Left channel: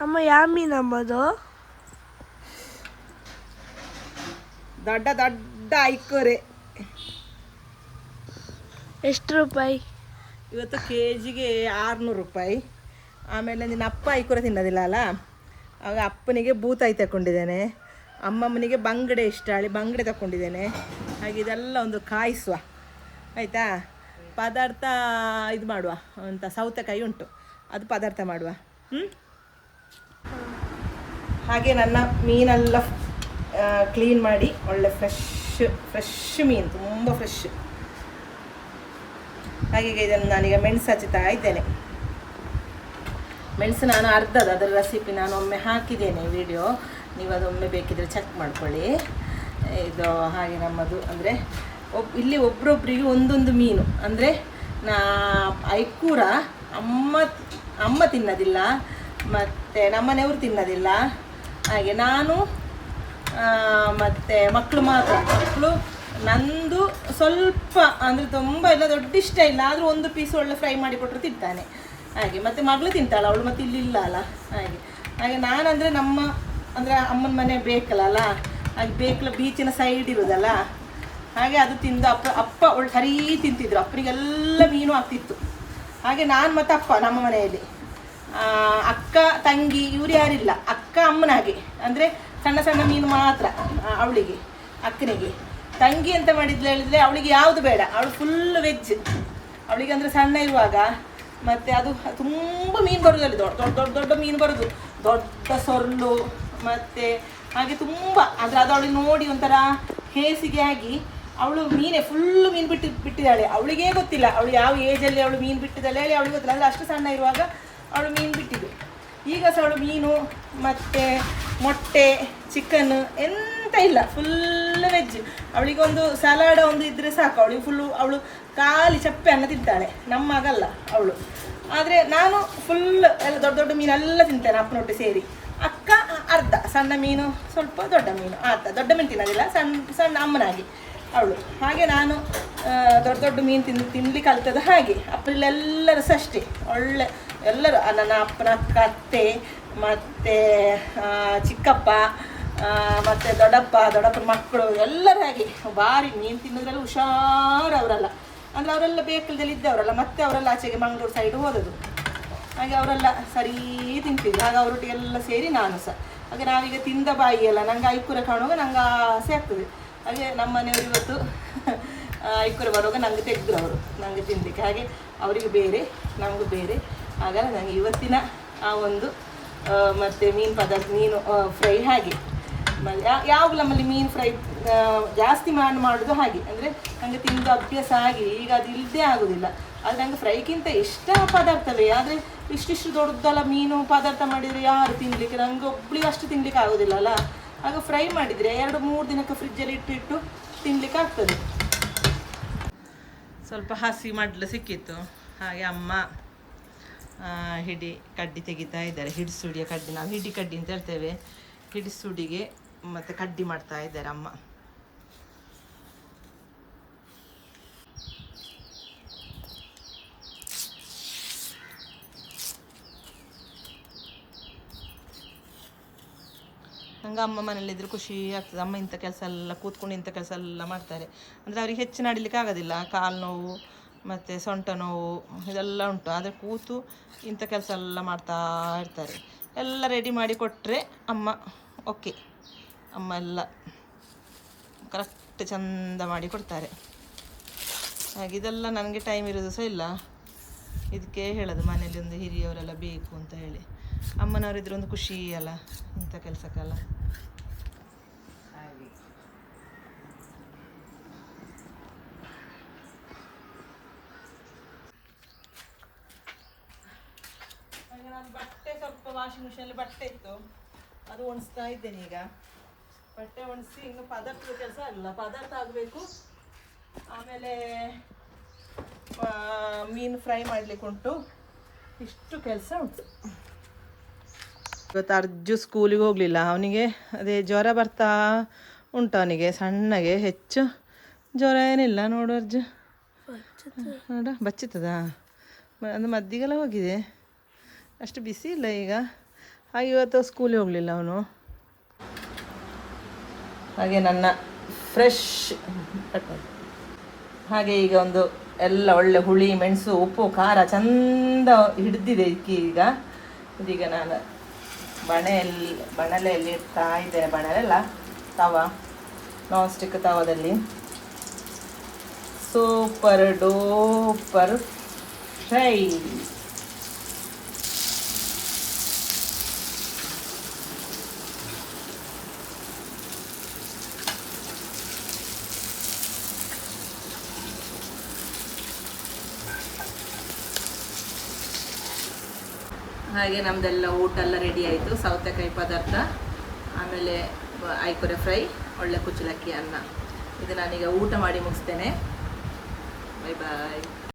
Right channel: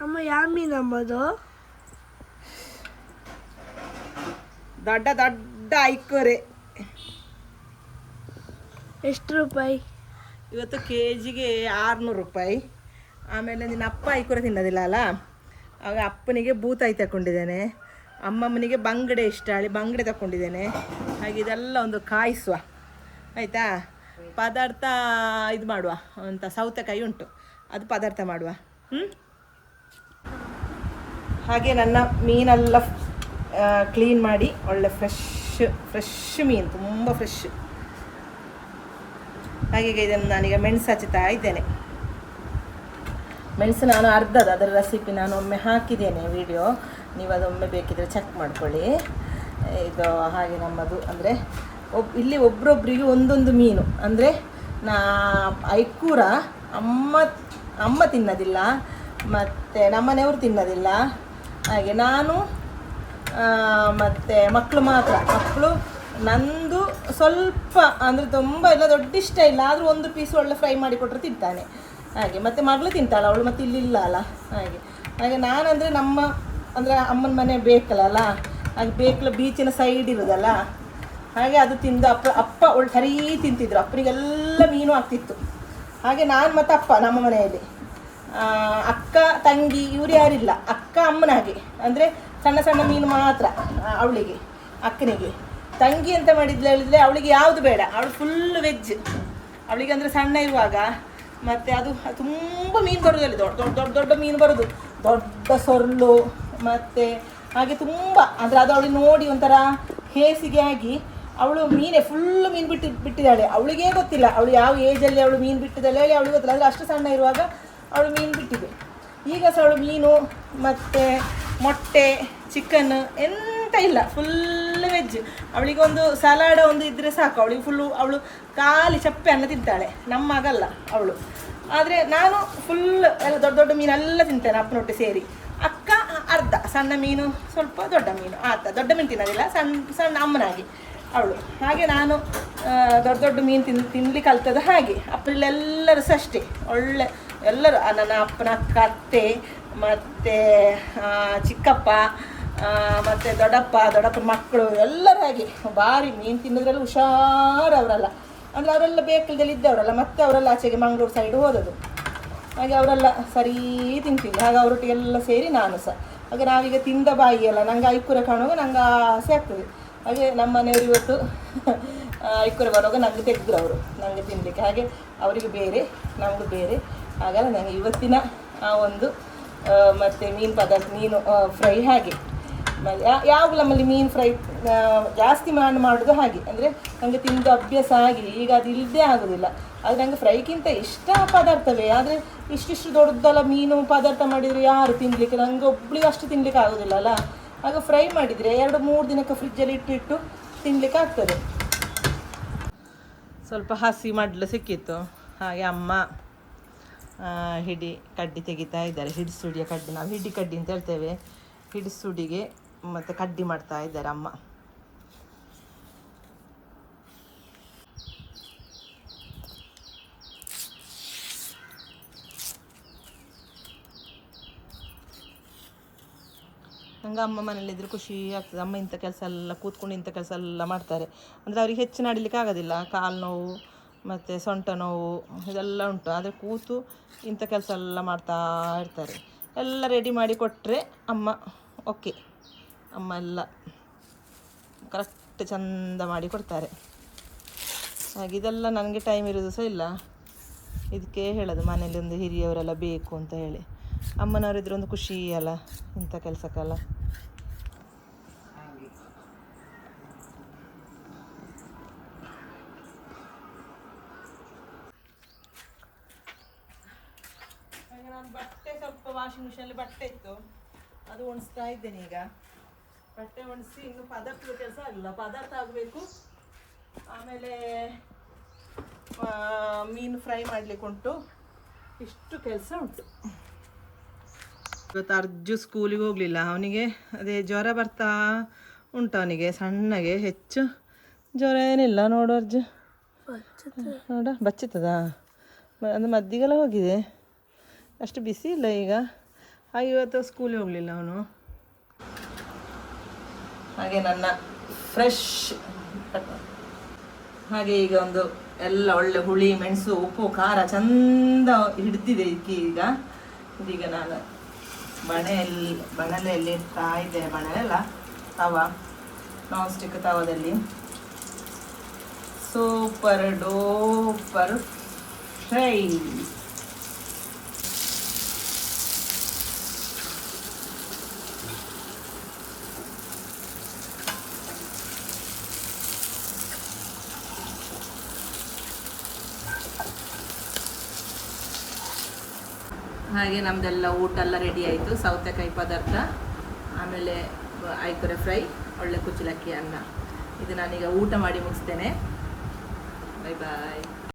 ಅಮ್ಮ ಯಾವ ಮೀನು ಅಂಬೋದು? ದೊಡ್ಡ ದೊಡ್ಡ ಐಕೋರೆ. ಎಷ್ಟು ರೂಪಾಯಿ? ಇವತ್ತು ಕೆ ಜಿಗೆ ಆರುನೂರು ರೂಪಾಯಿ. ಆಮೇಲೆ ನಿನ್ನ ಅಪ್ಪ ಐಕೋರೆ ತಿನ್ನೋದಿಲ್ಲ ಅಲ್ಲ? ಆಗ ಅಪ್ಪನಿಗೆ ಬೂತಾಯಿ ತಗೊಂಡಿದ್ದೇನೆ. ಅಮ್ಮಮ್ಮನಿಗೆ ಬಂಗಡೆ ಇಷ್ಟ ಹೇಳಿ ಬಂಗಡೆ ತಗೊಂಡಿದ್ದೇನೆ. ಹಾಗೆ ಇದೆಲ್ಲ ಒಂದು ಕಾಯಿಸುವ. ಆಯಿತಾ? ಪದಾರ್ಥ ಇದು ಮಾಡುವ. ಅಂತ ಸೌತೆಕಾಯಿ ಉಂಟು. ಅದು ಪದಾರ್ಥ ಮಾಡುವ. ಹ್ಞೂ ಹಾಗೆ ನನ್ನ ಮೀನೆಲ್ಲ ಕ್ಲೀನ್ ಮಾಡಿ ಒಳ್ಳೆ ಫ್ರೆಶ್ ಫ್ರೆಶ್ ಮೀನು, ತುಂಬ ಫ್ರೆಶ್ ಹಾಗೆ ಇದನ್ನು ನಾನೀಗ ಮೆಣಸು ಹಚ್ಚುತ್ತಾ ಇದ್ದೇನೆ. ಮೆಣಸು ನಾನು ಅರ್ಧದ ಅದರ ರೆಸಿಪಿ ನಾನು ಒಮ್ಮೆ ಹಾಕಿದ್ದೇನೆ ವಿಡಿಯೋ ನೀವು ಅದೊಮ್ಮೆ ಬೇಕಿದ್ರೆ ಚೆಕ್ ಮಾಡ್ಕೊಳ್ಳಿ. ಇದು ಹಾಗೆ ನಮ್ಮದು ಅಂದರೆ ಒಬ್, ಇಲ್ಲಿ ಒಬ್ರೊಬ್ರಿಗೆ ಒಂದೊಂದು ಮೀನು. ಅಂದರೆ ನಾ, ಐಕೂರ ಅಮ್ಮ ಅಮ್ಮ ತಿನ್ನೋದಿಲ್ಲ, ಮತ್ತು ನಮ್ಮನೆಯವರು ತಿನ್ನೋದಿಲ್ಲ. ಹಾಗೆ ನಾನು ಮತ್ತು ಮಕ್ಕಳು ಮಾತ್ರ. ಮಕ್ಕಳು ನಂದು ಸ್ವಲ್ಪ, ಅಂದರೆ ತುಂಬ ಇಲ್ಲ, ದೊಡ್ಡ ಇಷ್ಟ ಇಲ್ಲ. ಆದರೂ ಒಂದು ಪೀಸ್ ಒಳ್ಳೆ ಫ್ರೈ ಮಾಡಿ ಕೊಟ್ಟರು ತಿಂತಾನೆ. ಹಾಗೆ, ಮತ್ತು ಮಗಳು ತಿಂತಾಳೆ, ಅವಳು ಮತ್ತೆ ಇಲ್ಲಿ ಇಲ್ಲ ಅಲ್ಲ. ಹಾಗೆ ಹಾಗೆ ನಾನಂದರೆ ನಮ್ಮ, ಅಂದರೆ ಅಮ್ಮನ ಮನೆ ಬೇಕಲ್ಲ ಹಾಗೆ ಬೇಕಲ್ಲ ಬೀಚಿನ ಸೈಡ್ ಇರೋದಲ್ಲ? ಹಾಗೆ ಅದು ತಿಂದು ಅಪ್ಪ ಅಪ್ಪ ಒಳ್ಳೆ ಸರಿ ತಿಂತಿದ್ರು. ಅಪ್ಪನಿಗೆಲ್ಲ ಮೀನು ಆಗ್ತಿತ್ತು. ಹಾಗೆ ನಾನು ಮತ್ತು ಅಪ್ಪ ನಮ್ಮ ಮನೆಯಲ್ಲಿ. ಅಕ್ಕ, ತಂಗಿ, ಇವ್ರು ಯಾರಿಲ್ಲ. ಅಕ್ಕ ಅಮ್ಮನ ಹಾಗೆ ಅಂದರೆ ಸಣ್ಣ ಸಣ್ಣ ಮೀನು ಮಾತ್ರ ಅವಳಿಗೆ, ಅಕ್ಕನಿಗೆ. ತಂಗಿ ಅಂತ ಮಾಡಿದ್ಲು ಹೇಳಿದರೆ ಅವಳಿಗೆ ಯಾವುದು ಬೇಡ. ಅವಳು ಫುಲ್ ವೆಜ್ ಅವಳಿಗೆ ಅಂದರೆ ಸಣ್ಣ ಇರುವಾಗ, ಮತ್ತು ಅದು ತುಂಬ ಮೀನು ಬರೋದು ಅಲ್ಲಿ. ದೊಡ್ಡ ದೊಡ್ಡ ದೊಡ್ಡ ದೊಡ್ಡ ಮೀನು ಬರೋದು. ದೊಡ್ಡ ಸೊರ್ಲು, ಮತ್ತು ಹಾಗೆ ತುಂಬ, ಅಂದರೆ ಅದು ಅವಳಿಗೆ ನೋಡಿ ಒಂಥರ ಹೇಸಿಗೆ ಆಗಿ ಅವಳು ಮೀನೇ ಫುಲ್ಲು ಮೀನು ಬಿಟ್ಟು, ಬಿಟ್ಟಿದ್ದಾಳೆ. ಅವಳಿಗೇ ಗೊತ್ತಿಲ್ಲ. ಅವಳು ಯಾವ ಏಜಲ್ಲಿ ಅವಳು ಮೀನು ಬಿಟ್ಟಿದ್ದಾಳೆ, ಹೇಳಿ ಅವಳಿಗೆ ಗೊತ್ತಿಲ್ಲ. ಅಂದರೆ ಅಷ್ಟು ಸಣ್ಣ ಇರುವಾಗ ಅವಳು ಮೀನು ಬಿಟ್ಟಿದ್ದು. ಈಗ ಸಹ ಅವಳು ಮೀನು, ಮತ್ತು ಮೊಟ್ಟೆ ಚಿಕನ್ ಎಂತ ಇಲ್ಲ ಫುಲ್ ವೆಜ್ ಅವಳಿಗೊಂದು ಸಲಾಡ್ ಒಂದು ಇದ್ದರೆ ಸಾಕು. ಅವಳಿಗೆ ಫುಲ್ಲು ಅವಳು ಖಾಲಿ ಚಪ್ಪೆ ಅನ್ನ ತಿಂತಾಳೆ. ನಮ್ಮ ಆಗಲ್ಲ ಅವಳು. ಆದರೆ ನಾನು ಫುಲ್ ಎಲ್ಲ ದೊಡ್ಡ ದೊಡ್ಡ ಮೀನೆಲ್ಲ ತಿಂತೇನೆ ಅಪ್ಪನೊಟ್ಟು ಸೇರಿ. ಅಕ್ಕ ಅರ್ಧ, ಸಣ್ಣ ಮೀನು, ಸ್ವಲ್ಪ ದೊಡ್ಡ ಮೀನು. ಆತ ದೊಡ್ಡ ಮೀನು ತಿನ್ನೋದಿಲ್ಲ ಸಣ್ಣ ಸಣ್ಣ ಅಮ್ಮನಾಗಿ ಅವಳು. ಹಾಗೆ ನಾನು ದೊಡ್ಡ ದೊಡ್ಡ ಮೀನು ತಿನ್, ತಿನ್ಲಿಕ್ಕೆ ಕಲ್ತದ್ದು ಹಾಗೆ. ಅಪ್ಪಲ್ಲೆಲ್ಲರೂ ಸಹ ಅಷ್ಟೇ. ಒಳ್ಳೆ ಎಲ್ಲರೂ ನನ್ನ ಅಪ್ಪನ ಕತ್ತೆ ಮತ್ತು ಚಿಕ್ಕಪ್ಪ ಮತ್ತು ದೊಡ್ಡಪ್ಪ, ದೊಡ್ಡಪ್ಪನ ಮಕ್ಕಳು ಎಲ್ಲರಾಗಿ ಭಾರಿ ಮೀನು ತಿನ್ನೋದ್ರಲ್ಲಿ ಹುಷಾರು ಅವರಲ್ಲ. ಅಂದರೆ ಅವರೆಲ್ಲ ಬೇಕಲ್ದಲ್ಲಿ ಇದ್ದವರಲ್ಲ, ಮತ್ತೆ ಅವರೆಲ್ಲ ಆಚೆಗೆ ಮಂಗಳೂರು ಸೈಡ್ ಹೋದದು ಹಾಗೆ ಅವರೆಲ್ಲ ಸರಿ ತಿಂತಿದ್ರು. ಹಾಗೆ ಅವರೊಟ್ಟಿಗೆಲ್ಲ ಸೇರಿ ನಾನು ಸಹ. ಹಾಗೆ ನಾವೀಗ ತಿಂದ ಬಾಯಿ ಅಲ್ಲ ನಂಗೆ ಐಕುರ ಕಾಣುವಾಗ ನಂಗೆ ಆಸೆ ಆಗ್ತದೆ. ಹಾಗೆ ನಮ್ಮ ಮನೆಯವರು ಇವತ್ತು ಐಕುರ ಬರುವಾಗ ನಂಗೆ ತೆಗೆದ್ರು ಅವರು ನನಗೆ ತಿನ್ನಲಿಕ್ಕೆ ಹಾಗೆ ಅವರಿಗೆ ಬೇರೆ, ನಮಗೂ ಬೇರೆ. ಹಾಗಲ್ಲ ನನಗೆ ಇವತ್ತಿನ ಆ ಒಂದು ಮತ್ತು ಮೀನು ಪದಾರ್ಥ, ಮೀನು ಫ್ರೈ ಹಾಗೆ. ಯಾವಾಗ ನಮ್ಮಲ್ಲಿ ಮೀನು ಫ್ರೈ ಜಾಸ್ತಿ ಮಾಡಿ, ಮಾಡೋದು ಹಾಗೆ. ಅಂದರೆ ನನಗೆ ತಿಂದು ಅಭ್ಯಾಸ ಆಗಿ ಈಗ ಅದು ಇಲ್ಲದೆ ಆಗೋದಿಲ್ಲ. ಆದರೆ ನನಗೆ ಫ್ರೈಗಿಂತ ಇಷ್ಟ ಪದಾರ್ಥವೇ. ಆದರೆ ಇಷ್ಟಿಷ್ಟು ದೊಡ್ಡದಲ್ಲ ಮೀನು ಪದಾರ್ಥ ಮಾಡಿದರೆ ಯಾರು ತಿನ್ನಲಿಕ್ಕೆ ನನಗೆ ಒಬ್ಳಿಗೆ ಅಷ್ಟು ತಿನ್ನಲಿಕ್ಕೆ ಆಗೋದಿಲ್ಲ ಅಲ್ಲ. ಆಗ ಫ್ರೈ ಮಾಡಿದರೆ ಎರಡು, ಮೂರು ದಿನಕ್ಕೆ ಫ್ರಿಜ್ಜಲ್ಲಿ ಇಟ್ಟಿಟ್ಟು ತಿನ್ಲಿಕ್ಕೆ ಆಗ್ತದೆ. ಸ್ವಲ್ಪ ಹಸಿ ಮಡ್ಲು ಸಿಕ್ಕಿತ್ತು. ಹಾಗೆ ಅಮ್ಮ ಹಿಡಿ ಕಡ್ಡಿ ತೆಗಿತಾ ಇದ್ದಾರೆ. ಹಿಡಿಸುಡಿಯ ಕಡ್ಡಿ. ನಾವು ಹಿಡಿ ಕಡ್ಡಿ ಅಂತ ಹೇಳ್ತೇವೆ. ಹಿಡಿಸುಡಿಗೆ ಮತ್ತು ಕಡ್ಡಿ ಮಾಡ್ತಾ ಇದ್ದಾರೆ ಅಮ್ಮ. ನಂಗೆ ಅಮ್ಮ ಮನೇಲಿದ್ದರೆ ಖುಷಿ ಆಗ್ತದೆ. ಅಮ್ಮ ಇಂಥ ಕೆಲಸ ಎಲ್ಲ ಕೂತ್ಕೊಂಡು ಇಂಥ ಕೆಲಸ ಎಲ್ಲ ಮಾಡ್ತಾರೆ. ಅಂದರೆ ಅವ್ರಿಗೆ ಹೆಚ್ಚು ನಡಿಲಿಕ್ಕೆ ಆಗೋದಿಲ್ಲ. ಕಾಲು ನೋವು ಮತ್ತು ಸೊಂಟ ನೋವು, ಇದೆಲ್ಲ ಉಂಟು. ಆದರೆ ಕೂತು ಇಂಥ ಕೆಲಸ ಎಲ್ಲ ಮಾಡ್ತಾ ಇರ್ತಾರೆ. ಎಲ್ಲ ರೆಡಿ ಮಾಡಿ ಕೊಟ್ಟರೆ ಅಮ್ಮ ಓಕೆ ಅಮ್ಮ ಎಲ್ಲ ಕರೆಕ್ಟ್ ಚಂದ ಮಾಡಿ ಕೊಡ್ತಾರೆ. ಹಾಗೆ ಇದೆಲ್ಲ ನನಗೆ ಟೈಮ್ ಇರೋದು ಸಹ ಇಲ್ಲ. ಇದಕ್ಕೆ ಹೇಳೋದು, ಮನೇಲಿ ಒಂದು ಹಿರಿಯವರೆಲ್ಲ ಬೇಕು ಅಂತ ಹೇಳಿ. ಅಮ್ಮನವರಿದ್ರೆ ಒಂದು ಖುಷಿ ಅಲ್ಲ ಇಂಥ ಕೆಲಸಕ್ಕೆಲ್ಲ ಹಾಗೆ ನಾನು ಬಟ್ಟೆ ಸ್ವಲ್ಪ ವಾಷಿಂಗ್ ಮಿಷಿನಲ್ಲಿ ಬಟ್ಟೆ ಇತ್ತು. ಅದು ಒಣಸ್ತಾ ಇದ್ದೇನೆ ಈಗ. ಬಟ್ಟೆ ಒಣಸಿ ಇನ್ನು ಪದಾರ್ಥದ ಕೆಲಸ ಆಗಲ್ಲ ಪದಾರ್ಥ ಆಗಬೇಕು. ಆಮೇಲೆ ಮೀನು ಫ್ರೈ ಮಾಡಲಿಕ್ಕೆ ಉಂಟು. ಇಷ್ಟು ಕೆಲಸ ಉಂಟು. ಇವತ್ತು ಅರ್ಜು ಸ್ಕೂಲಿಗೆ ಹೋಗಲಿಲ್ಲ. ಅವನಿಗೆ ಅದೇ ಜ್ವರ ಬರ್ತಾ ಉಂಟು ಅವನಿಗೆ ಸಣ್ಣಗೆ ಹೆಚ್ಚು. ಜ್ವರ ಏನಿಲ್ಲ ನೋಡು ಅರ್ಜು. ನೋಡ ಬಚ್ಚಿತದ ಅಂದ್ರೆ ಮದ್ದಿಗೆಲ್ಲ ಹೋಗಿದೆ. ಅಷ್ಟು ಬಿಸಿ ಇಲ್ಲ ಈಗ. ಹಾಗೆ ಇವತ್ತು ಸ್ಕೂಲಿಗೆ ಹೋಗಲಿಲ್ಲ ಅವನು. ಹಾಗೆ ನನ್ನ ಫ್ರೆಶ್ ಹಾಗೆ ಈಗ ಒಂದು ಎಲ್ಲ ಒಳ್ಳೆ ಹುಳಿ, ಮೆಣಸು, ಉಪ್ಪು, ಖಾರ ಚಂದ ಹಿಡ್ದಿದೆ ಇದಕ್ಕೆ ಈಗ. ಇದೀಗ ನಾನು ಮಣೆಯಲ್ಲಿ ಬಣಲೆಯಲ್ಲಿ ಇರ್ತಾ ಇದ್ದೇನೆ ಬಣಲೆಲ್ಲ ತವ ನಾನ್ ಸ್ಟಿಕ್ ತವದಲ್ಲಿ. ಸೂಪರ್ ಡೂಪರ್ ಫ್ರೈ ಹಾಗೆ ನಮ್ದೆಲ್ಲ ಊಟ ಎಲ್ಲ ರೆಡಿ ಆಯಿತು, ಸೌತೆಕಾಯಿ ಪದಾರ್ಥ, ಆಮೇಲೆ ಐಕುರೆ ಫ್ರೈ, ಒಳ್ಳೆ ಕುಚ್ಚಲಕ್ಕಿ ಅನ್ನ. ಇದು ನಾನೀಗ ಊಟ ಮಾಡಿ ಮುಗಿಸ್ತೇನೆ. ಬಾಯ್ ಬಾಯ್